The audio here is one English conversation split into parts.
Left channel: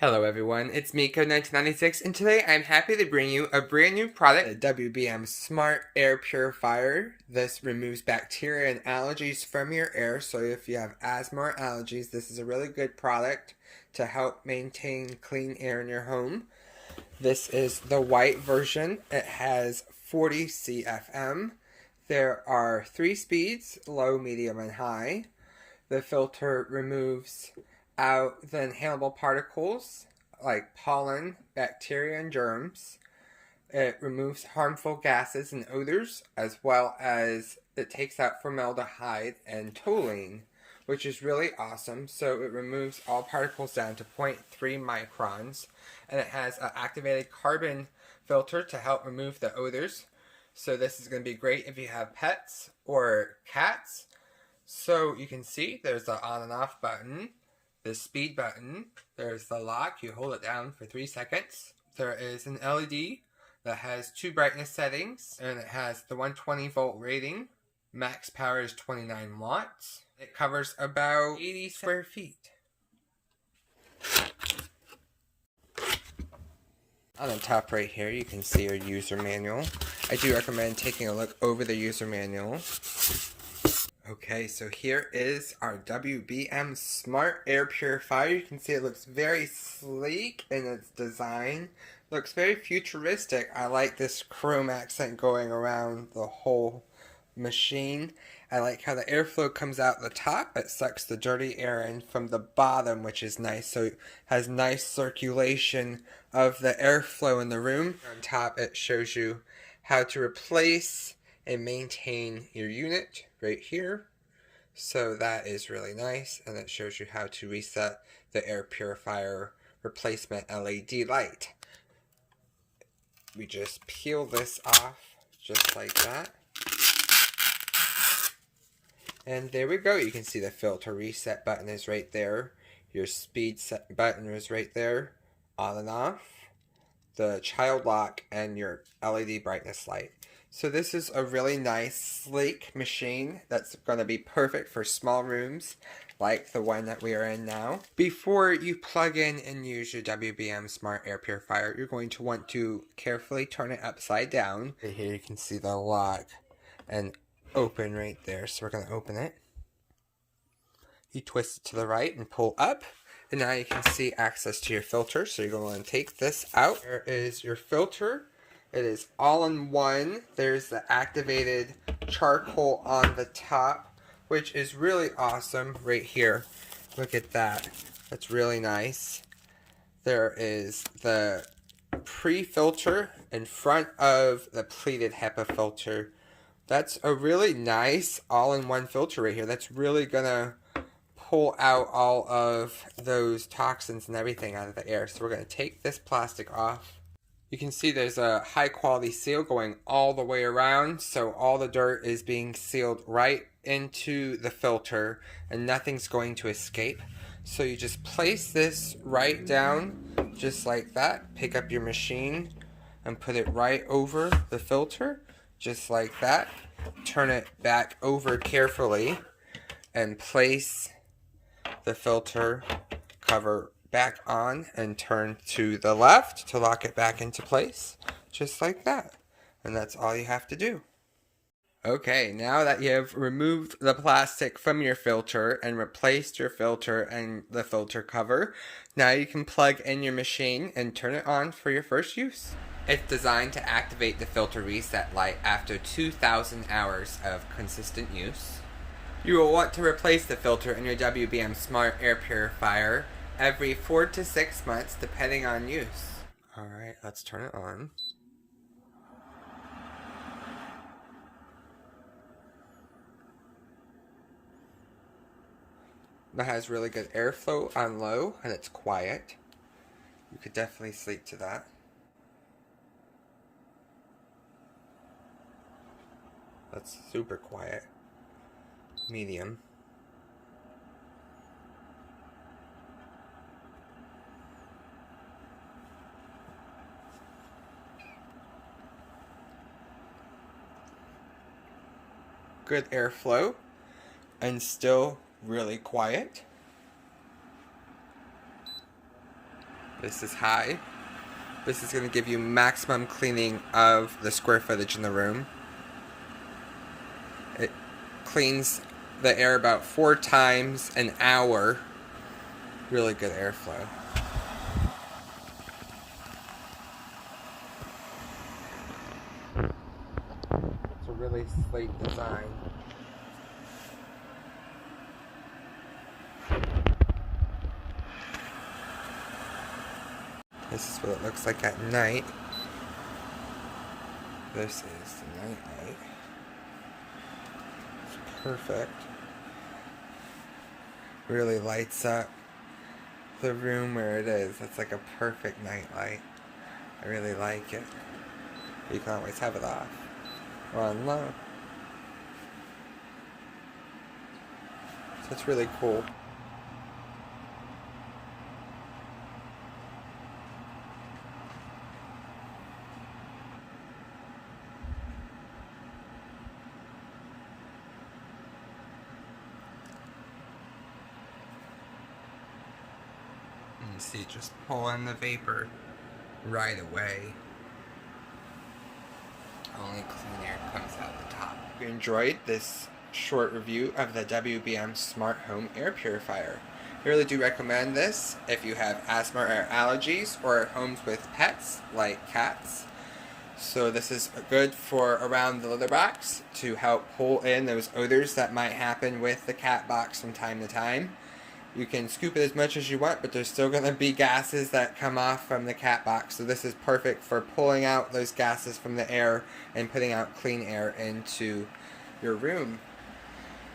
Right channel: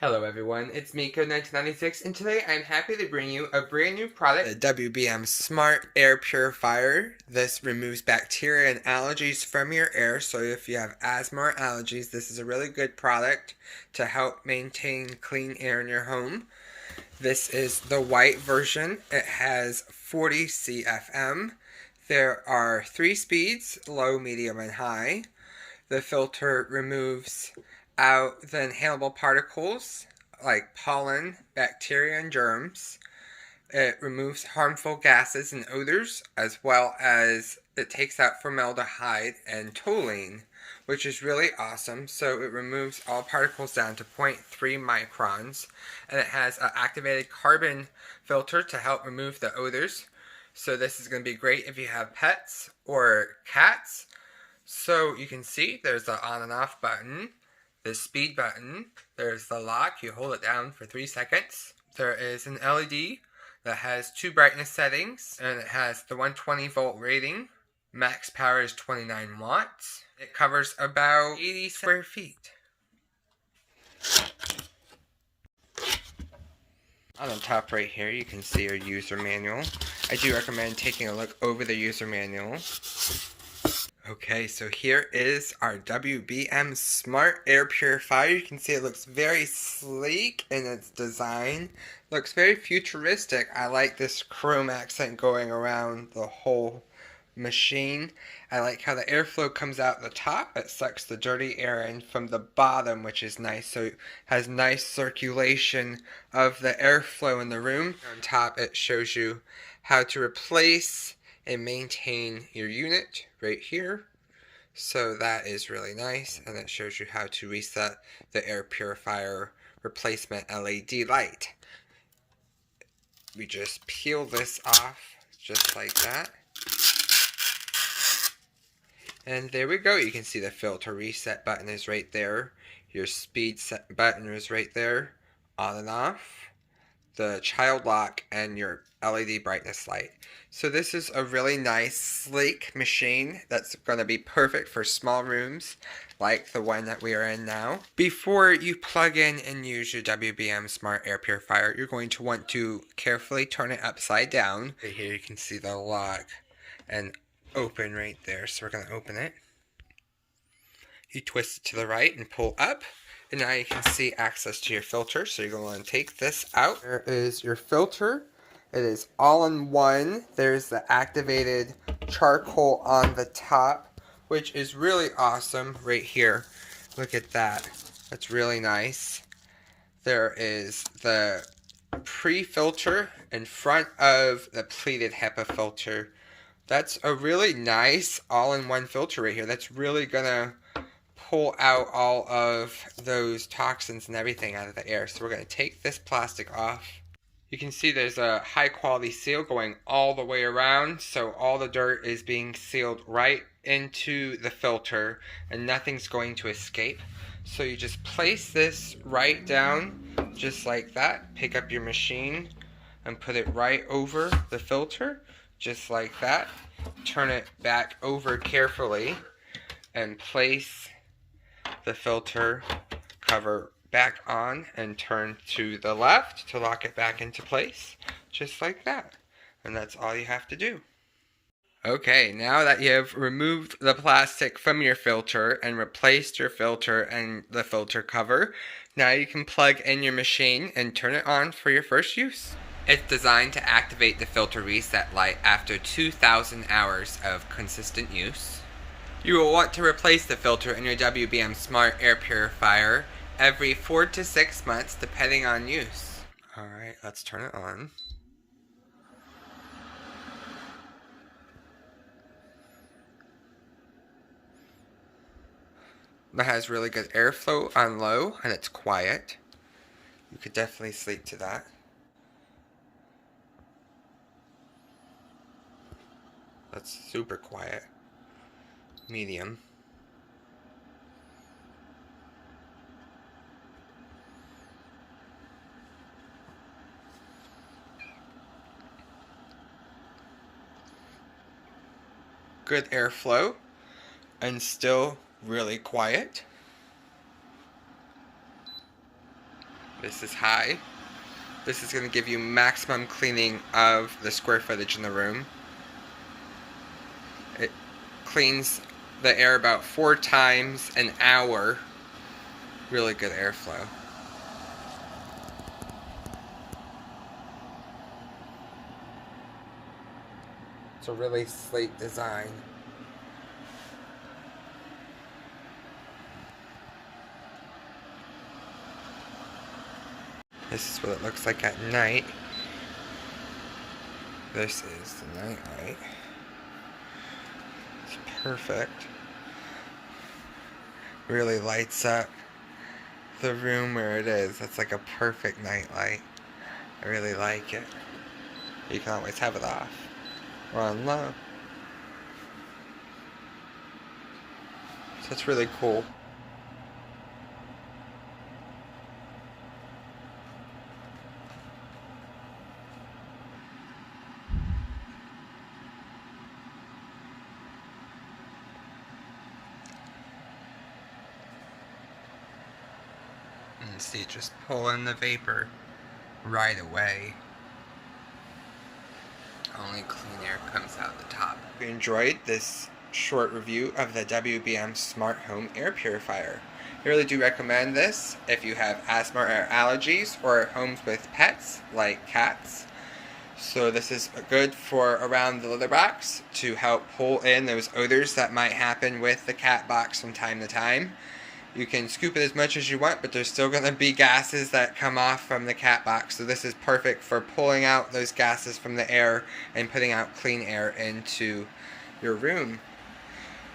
Hello everyone, it's Miko1996 and today I'm happy to bring you a brand new product, the WBM Smart Air Purifier. This removes bacteria and allergies from your air, so if you have asthma or allergies, this is a really good product to help maintain clean air in your home. This is the white version. It has 40 CFM. There are 3 speeds, low, medium, and high. The filter removes out the inhalable particles like pollen, bacteria, and germs. It removes harmful gases and odors, as well as it takes out formaldehyde and toluene, which is really awesome. So it removes all particles down to 0.3 microns, and it has an activated carbon filter to help remove the odors. So this is going to be great if you have pets or cats. So you can see there's the on and off button, the speed button, there's the lock, you hold it down for 3 seconds. There is an LED that has 2 brightness settings, and it has the 120 volt rating. Max power is 29 watts. It covers about 80 square feet. On the top right here you can see your user manual. I do recommend taking a look over the user manual. Okay, so here is our WBM Smart Air Purifier. You can see it looks very sleek in its design. Looks very futuristic. I like this chrome accent going around the whole machine. I like how the airflow comes out the top. It sucks the dirty air in from the bottom, which is nice. So it has nice circulation of the airflow in the room. On top, it shows you how to replace and maintain your unit right here. So that is really nice, and it shows you how to reset the air purifier replacement LED light. We just peel this off just like that. And there we go. You can see the filter reset button is right there. Your speed set button is right there. On and off. The child lock and your LED brightness light. So this is a really nice, sleek machine that's going to be perfect for small rooms like the one that we are in now. Before you plug in and use your WBM Smart Air Purifier, you're going to want to carefully turn it upside down. Right here you can see the lock and open right there. So we're going to open it. You twist it to the right and pull up. And now you can see access to your filter. So you're going to take this out. There is your filter. It is all in one. There's the activated charcoal on the top, which is really awesome right here. Look at that. That's really nice. There is the pre-filter in front of the pleated HEPA filter. That's a really nice all-in-one filter right here. That's really gonna pull out all of those toxins and everything out of the air. So we're going to take this plastic off. You can see there's a high quality seal going all the way around, so all the dirt is being sealed right into the filter and nothing's going to escape. So you just place this right down just like that. Pick up your machine and put it right over the filter just like that. Turn it back over carefully and place the filter cover back on and turn to the left to lock it back into place, just like that. And that's all you have to do. Okay, now that you have removed the plastic from your filter and replaced your filter and the filter cover, now you can plug in your machine and turn it on for your first use. It's designed to activate the filter reset light after 2,000 hours of consistent use. You will want to replace the filter in your WBM Smart Air Purifier every 4 to 6 months depending on use. Alright, let's turn it on. It has really good airflow on low and it's quiet. You could definitely sleep to that. That's super quiet. Medium. Good airflow and still really quiet. This is high. This is going to give you maximum cleaning of the square footage in the room. It cleans the air about 4 times an hour. Really good airflow. It's a really sleek design. This is what it looks like at night. This is the night light. It's perfect. Really lights up the room where it is. It's like a perfect night light. I really like it. You can always have it off or on low. So it's really cool. And see, just pull in the vapor right away. Only clean air comes out the top. If you enjoyed this short review of the WBM Smart Home Air Purifier, I really do recommend this if you have asthma or allergies or homes with pets like cats. So this is good for around the litter box to help pull in those odors that might happen with the cat box from time to time. You can scoop it as much as you want, but there's still going to be gases that come off from the cat box. So this is perfect for pulling out those gases from the air and putting out clean air into your room.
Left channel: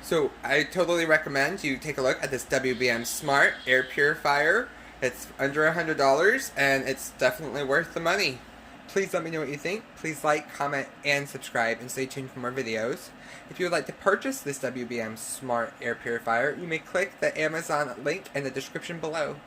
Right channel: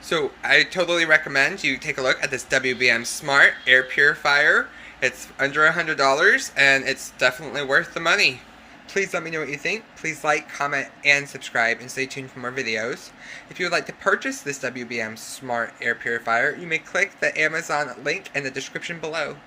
So I totally recommend you take a look at this WBM Smart Air Purifier. It's under $100 and it's definitely worth the money. Please let me know what you think. Please like, comment, and subscribe, and stay tuned for more videos. If you would like to purchase this WBM Smart Air Purifier, you may click the Amazon link in the description below.